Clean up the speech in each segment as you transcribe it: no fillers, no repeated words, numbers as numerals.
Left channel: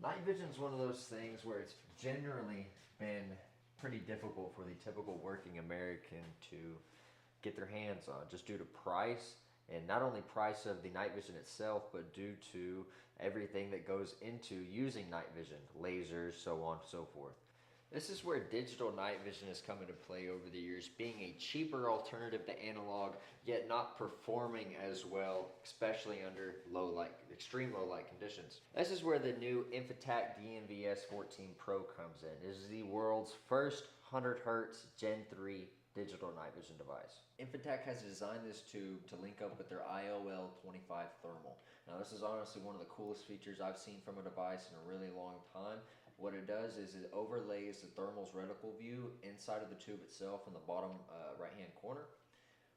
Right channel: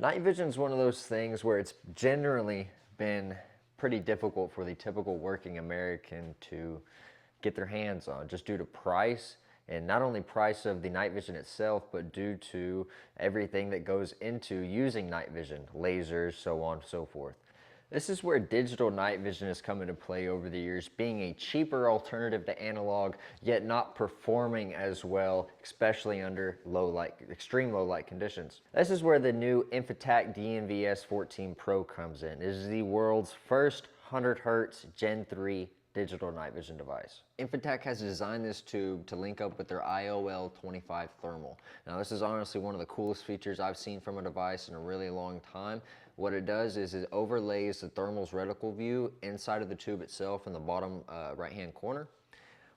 Night vision is one of those things where it's generally been pretty difficult for the typical working American to get their hands on, just due to price, and not only price of the night vision itself, but due to everything that goes into using night vision, lasers, so on and so forth. This is where digital night vision has come into play over the years, being a cheaper alternative to analog, yet not performing as well, especially under low light, extreme low light conditions. This is where the new Infitac DNVS14 Pro comes in. It is the world's first 100 Hz Gen 3 digital night vision device. Infitac has designed this tube to link up with their IOL25 thermal. Now this is honestly one of the coolest features I've seen from a device in a really long time. What it does is it overlays the thermal's reticle view inside of the tube itself in the bottom right hand corner.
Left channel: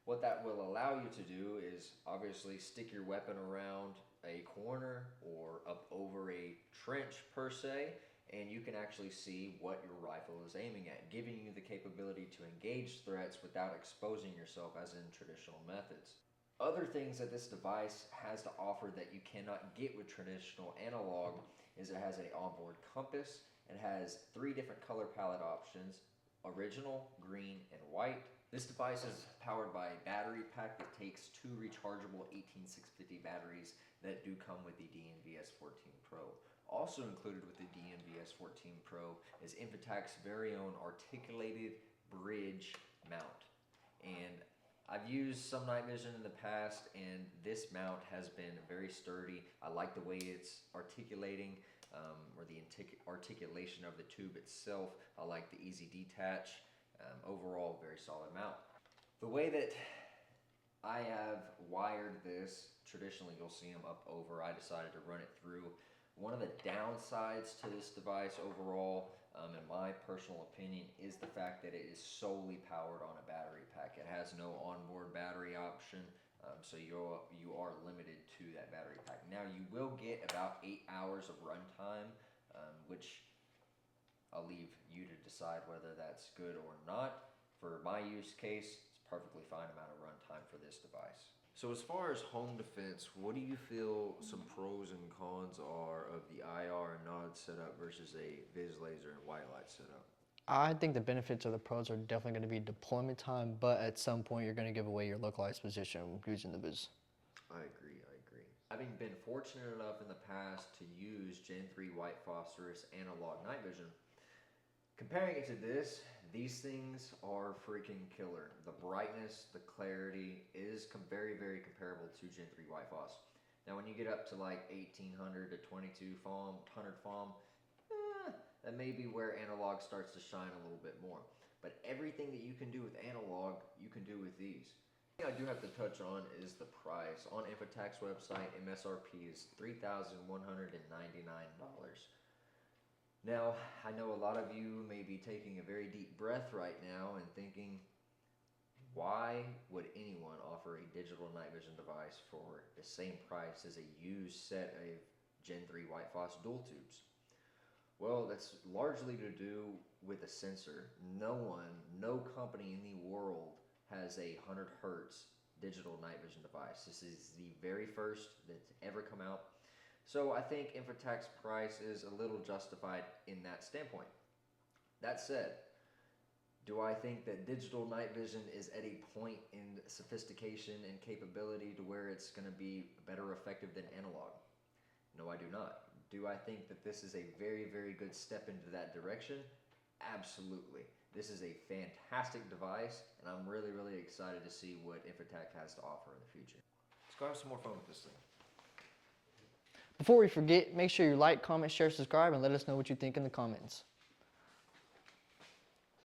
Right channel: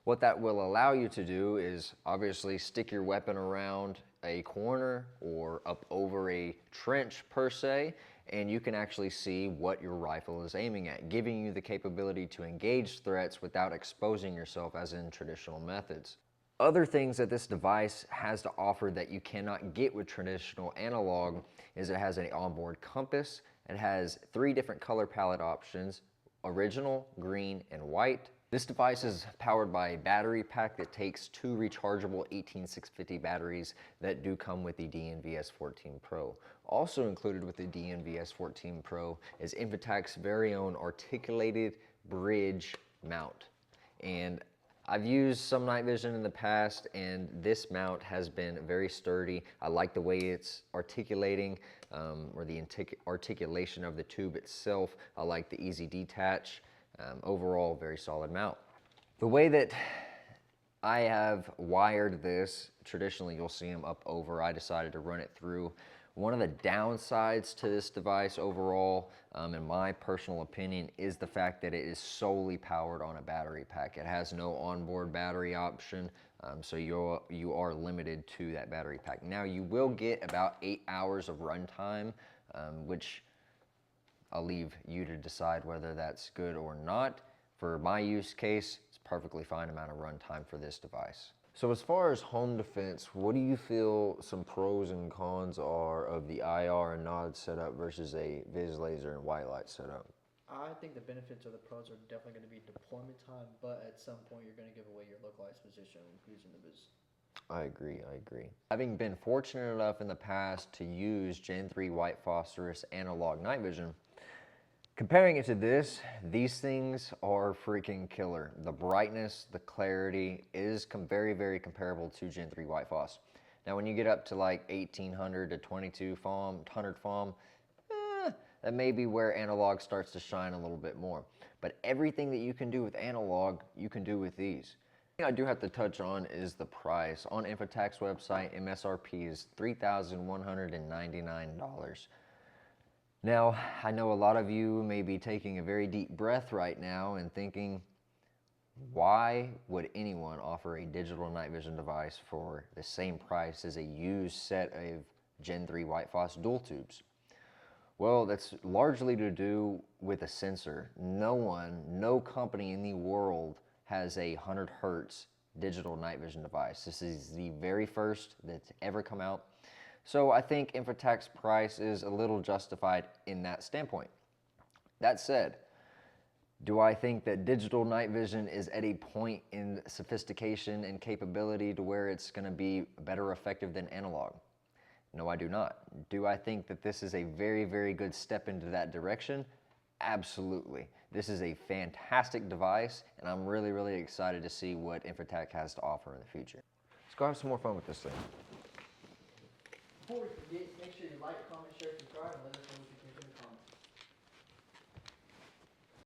What that will allow you to do is obviously stick your weapon around a corner or up over a trench per se, and you can actually see what your rifle is aiming at, giving you the capability to engage threats without exposing yourself as in traditional methods. Other things that this device has to offer that you cannot get with traditional analog is it has an onboard compass. It has 3 different color palette options: original, green, and white. This device is powered by a battery pack that takes 2 rechargeable 18650 batteries that do come with the DNVS14 Pro. Also included with the DNVS14 Pro is Infitac's very own articulated bridge mount. And I've used some night vision in the past, and this mount has been very sturdy. I like the way it's articulating, or the articulation of the tube itself. I like the easy detach. Overall, very solid mount. The way that I have wired this, traditionally you'll see them up over. I decided to run it through. One of the downsides to this device overall, in my personal opinion, is the fact that it is solely powered on a battery pack. It has no onboard battery option, so you are limited to that battery pack. Now you will get about 8 hours of runtime, which I'll leave you to decide whether that's good or not. For my use case, it's a perfectly fine amount of runtime for this device. So as far as home defense, what do you feel some pros and cons are of the IR and nod setup versus a vis laser and white light setup? I think the benefits of the pros are definitely going to be deployment time, but at some point you're going to give away your localized position using the vis. I agree. Having been fortunate enough in the past to use Gen 3 white phosphorus analog night vision, comparing it to this, these things are freaking killer. The brightness, the clarity is very, very comparable to Gen 3 white phos. Now when you get up to like 1800 to 2200 FOM, that may be where analog starts to shine a little bit more. But everything that you can do with analog, you can do with these. The thing I do have to touch on is the price. On Infitac's website, MSRP is $3,199. Now, I know a lot of you may be taking a very deep breath right now and thinking, why would anyone offer a digital night vision device for the same price as a used set of Gen 3 white phos dual tubes? Well, that's largely to do with a sensor. No company in the world has a 100 Hertz digital night vision device. This is the very first that's ever come out. So I think Infitac's price is a little justified in that standpoint. That said, do I think that digital night vision is at a point in sophistication and capability to where it's going to be better effective than analog? No, I do not. Do I think that this is a very, very good step into that direction? Absolutely. This is a fantastic device, and I'm really, really excited to see what Infitac has to offer in the future. Let's go have some more fun with this thing. Before we forget, make sure you like, comment, share, subscribe, and let us know what you think in the comments.